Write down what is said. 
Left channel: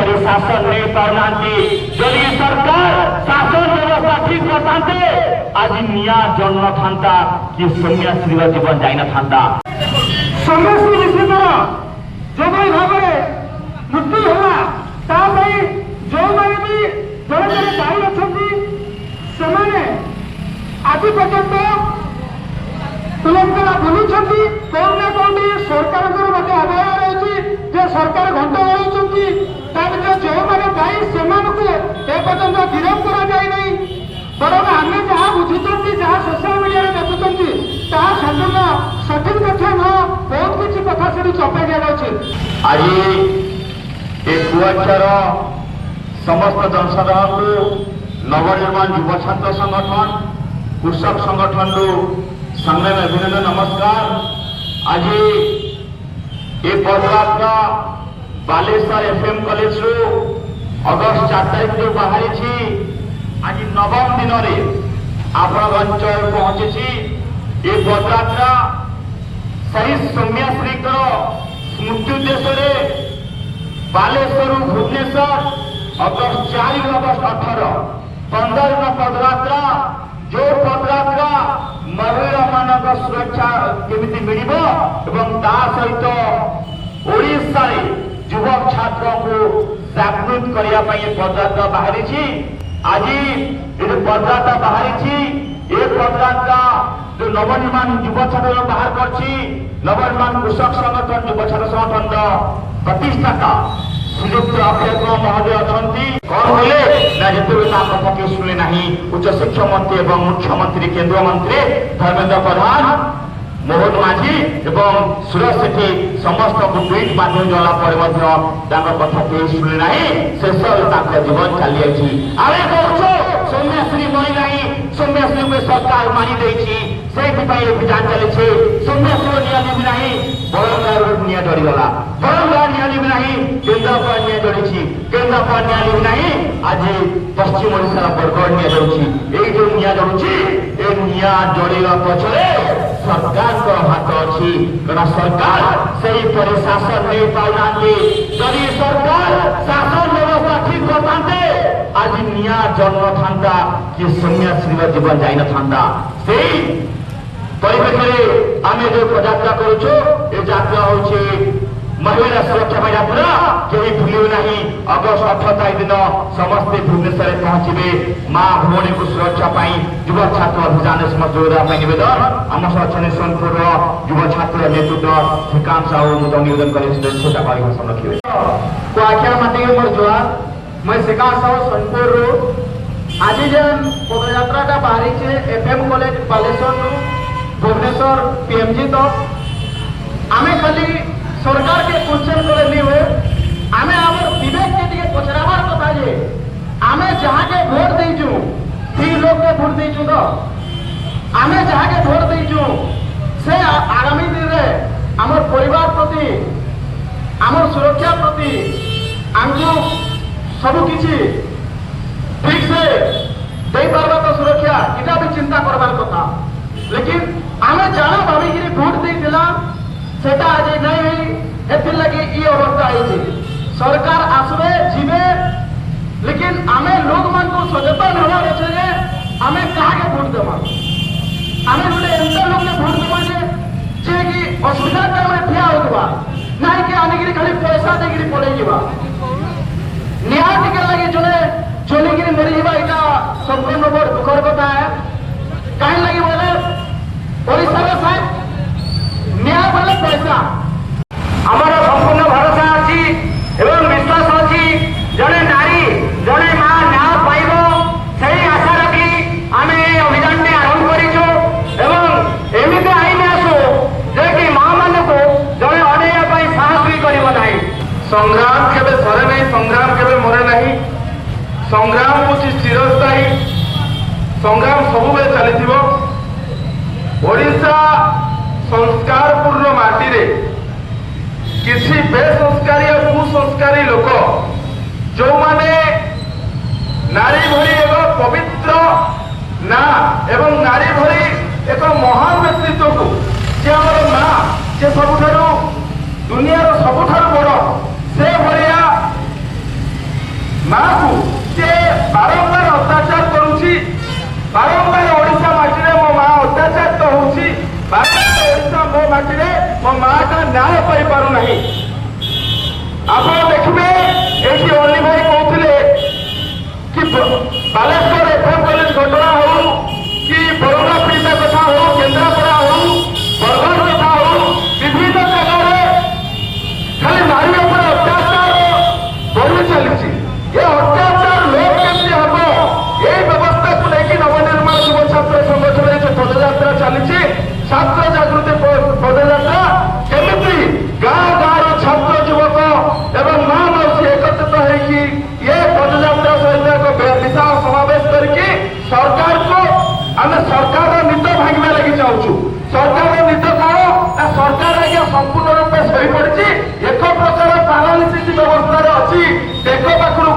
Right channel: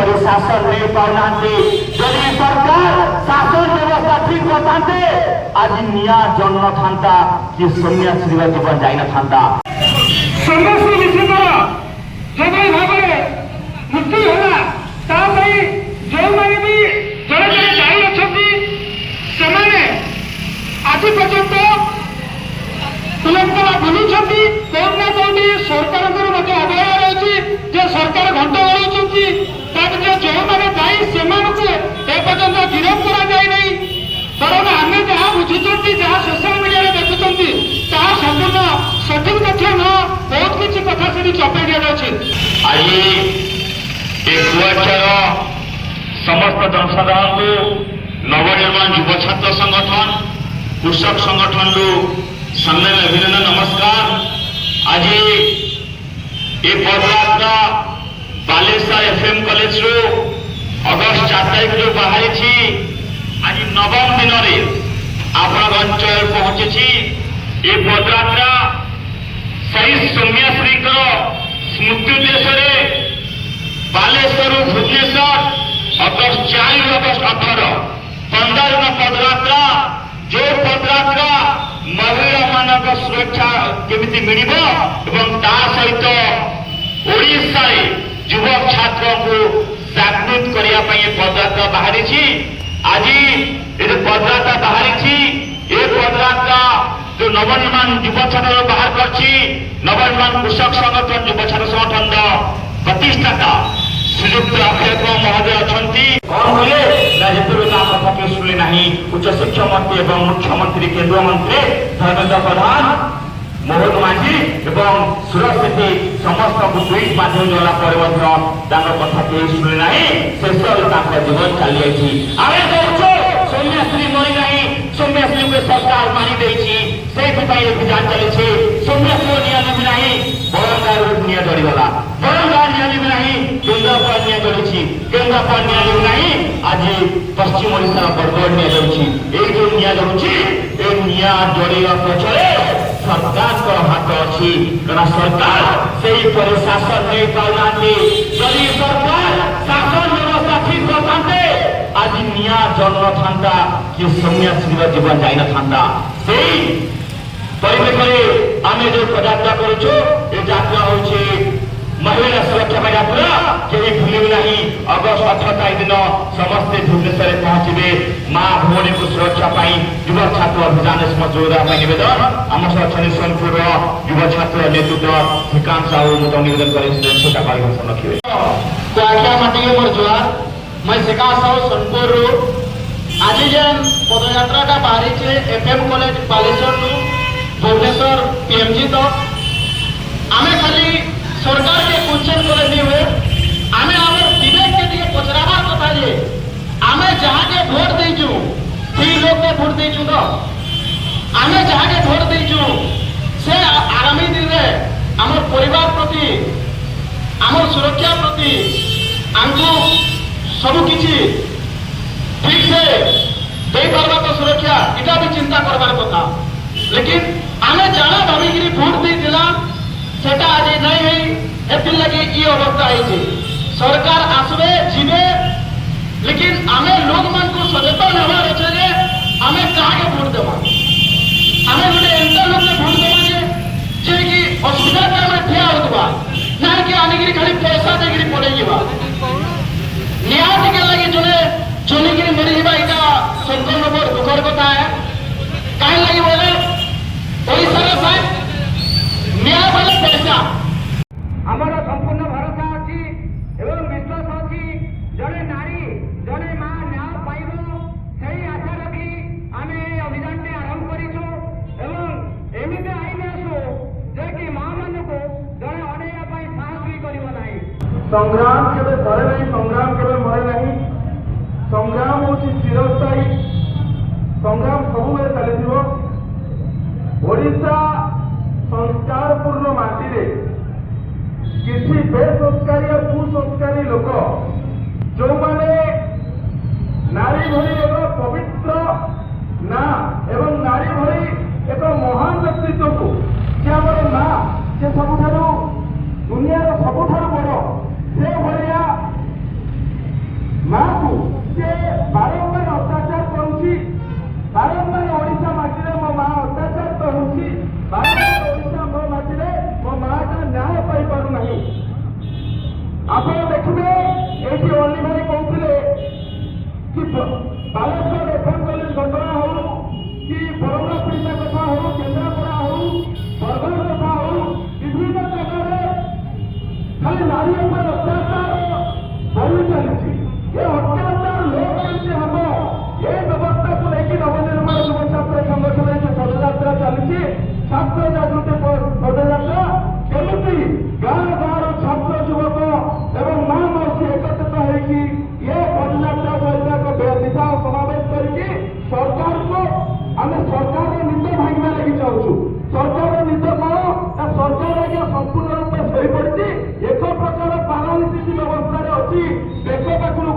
पर शासन नहीं पाना जदि सरकार शासन व्यवस्था ठीक करते आज निया जन्म था कि सौम्याश्री जीवन जाई था समस्त विषयकर जो भाव मृत्यु है जो मैंने भी जड़े जड़े दायी अच्छा आज पर्यंत तुलंकला बुलूं कौन ना कौन सरकार मत अवहेला रही सरकार घंट गड़ाऊँगी जो मैंने दायी से पर्यंत गिरफ्त कराई बरं आम जहाँ बुझुंट जहाँ सोशल मीडिया देखुं ताहा संपूर्ण सठिक तथ्य न बहुत किसी कथा से चपाई दिया आज कुआचार समस्त जनसाधारण को नवनिर्माण युव छात्र संगठन कृषक संगठन सामने में अभिनंदन नमस्कार। आज ये पदयात्रा बालेश्वर एफएम कॉलेज रू अगस्ट 4 तारीख जो बाहरी आज नवम दिन में आपण अंचल पहुंची। ये पदयात्रा शहीद सौम्याश्री स्मृति उद्देश्य बालेश्वर भुवनेश्वर अगस्ट 4 अगस्ट 18 15 दिन पदयात्रा जो पदयात्रा महिला मानक सुरक्षा केमिति मिलिबो एवं ता सहित ओडिशा युवक छात्र को जागृत करिया पई पदयात्रा बाहरी। आज ये पदयात्रा बाहरी ये पदयात्रा जो नवनिर्माण युव छात्र बाहर करछि नवनिर्माण कृषक संगठन युव छात्र संगठन प्रतिष्ठाता श्रीयुक्त अक्षय महोदय अच्छी कौन बोले कथा के शुणे ना उच्च शिक्षा मंत्री एवं मुख्यमंत्री केंद्र मंत्री धर्मेंद्र प्रधान मोहन माझी एवं सुरज सेठी समस्त को ट्वीट माध्यम जला कथा के शुणे ना शेष जीवन चली सौम्याश्री मरी ना सौम्याश्री को सरकार मानी अभियान चली सौम्याश्री निया लिबी ना बरंगार निया जड़ीगला बरंगार निया लिबी ना केन्द्रापड़ा निया जड़ी केन्द्रापड़ा निया लिबी ना आज पश्चिम ओडिशार बरगढ़ निया जाऊँगी जो निया जड़ुची ए निया जड़ीवा पछरे सरकार हाथ अच्छी कारण सरकार से शासन नहीं पाऊना जदि सरकार शासन व्यवस्था ठीक करते आज निया जन्म था कि सौम्याश्री जीवन जाई था से परिप्रेक्षी आम जो पदयात्रा करुचु ये यात्रा हूँ महिला सुरक्षा यात्रा कहीं भूलू ना अगस्ट 18 तारीख दिन समस्ते भुवनेश्वर पहुंचे माँ भौणी को सुरक्षा युवा छात्र अभियान जोड़ा नवेदन आम सह अच्छा सोनपुर युवा छात्र नेतृत्व श्रीकांत साहू मुझे निवेदन कर छोटा भाषण रखिए तो आख्या माटी मोर जुआर मैं श्रीकांत साहू सोनपुर आज जेन पदयात्रा का बाहरी FM college Baleshwar Bhubaneswar PMG तो आमे खाली सरकार के क्वेश्चन करे नहीं हुए आमे हमर विवेक के लिए पचरावार कथा जे आमे जहाँ के वोट देचु ठीक लोग के वोट देचु तो आमे जहाँ के वोट देचु से आगामी दिन रे हमर परिवार प्रति हमर सुरक्षा प्रति आंगु सब किछि ठीक से दे पारबा तो सुरक्षा इटा भी चिंता करबार कथा लेकिन आमे जाना भाविकी वोट दे दिला सेटा आज नहीं है लगे ये अवस्था है सरकार आसवे जीवे लेकिन आमे लोग मान को सचेतन हमार अच्छे जे आमे कहाँ के वोट देवा आमे गोटे एंता लोग के वोट देवा जे कि असुविधा के आमे ठिया होतबा ना कि आनिगिरी खाली पैसा देगिरी पड़े जीवा न्याय के लगे जने चलिगिरी मरी जीवा इटा संपूर्ण बड़ दुखर कथा है काहे लगी बोले ओडिसा रे साहब न्याय वाले पैसा हमारा संपूर्ण भरोसा अच्छी एवं विश्वास अच्छी जड़े नारी जड़े माँ न्याय पाइब से आशा रखी आम अभियान आरंभ करूँ एमती आईन आसू जे कि माँ मान को जड़े अनेक साहस भी कर संग्राम केवे सरे नहीं संग्राम केवे मरे नहीं संग्राम हूँ चिरस्थायी संग्राम सब चली ओडिशा संस्कारपूर्ण माटी रे किसी बेसंस्कारी और कुसंस्कारी लोक जो माने नारी भरी एक पवित्र ना एवं नारी भरी एक महान व्यक्तित्व को जे हमर माँ जे सबुठारु दुनिया सबुठारु बड़ से भरिया ମାକୁ ସେ ବାରମ୍ବାର ଅତ୍ୟାଚାର କରୁଛି, ବାରମ୍ବାର ଓଡ଼ିଶା ମାଟିରେ ମୋ ମା ଅତ୍ୟାଚାରିତ ହଉଛି, ବାରମ୍ବାର ଓଡ଼ିଶା ମୋ ମାଟିରେ ମୋ ମାଟା ନ୍ୟାୟ ପାଇପାରୁନାହିଁ। ଆପଣ ଦେଖିବେ ଏଇଠି ଅଲି ଭାଇ କହୁଥିଲେ କି ବାଲେଶ୍ୱର ଏଫଏମ୍ କଲେଜ ଘଟଣା ହଉ କି ବରୁଣା ପୀଡ଼ିତା କଥା ହଉ, କେନ୍ଦ୍ରାପଡ଼ା ହଉ, ବରଗଡ଼ କଥା ହଉ, ବିଭିନ୍ନ ଜାଗାରେ ଖାଲି ନାରୀ ଉପରେ ଅତ୍ୟାଚାର ବଢି ଚାଲିଛି। ଏ ଅତ୍ୟାଚାର ଲୋପ କେମିତି ହବ, এই ବ୍ୟବସ୍ଥାକୁ ନେଇକି ନବନିର୍ମାଣ ଯୁବ ଛାତ୍ର ସଂଗଠନରେ ଯୋଉ ପଦଯାତ୍ରା ଚାଲିଛି, ଛାତ୍ର ଜାଗୃତି ପଦଯାତ୍ରା, କେମିତି ଗାଁ ଗାଁର ଛାତ୍ର ଯୁବକ ଏବଂ ମା ମାଉସୀ ଏକତ୍ରିତ ହେଇକି ଏ ପଦଯାତ୍ରା ସହିତ ଏକ ବିଶାଳ ସମାବେଶ କରିକି ସରକାରକୁ ଆମେ ସରକାରର ନିଦ ଭାଙ୍ଗିବା ଲାଗି ଚାହୁଁଛୁ। ସରକାରର ନିଦ କଣ ନା ସରକାର ଆଜ୍ଞା ସମ୍ପୂର୍ଣ୍ଣ ରୂପେ ଶୋଇପଡ଼ିଛି, ଏକ ପ୍ରକାର ପାରାଲିସିସ୍ ବ୍ୟବସ୍ଥାରେ ଅଛି। ବେକ ପାଖରୁ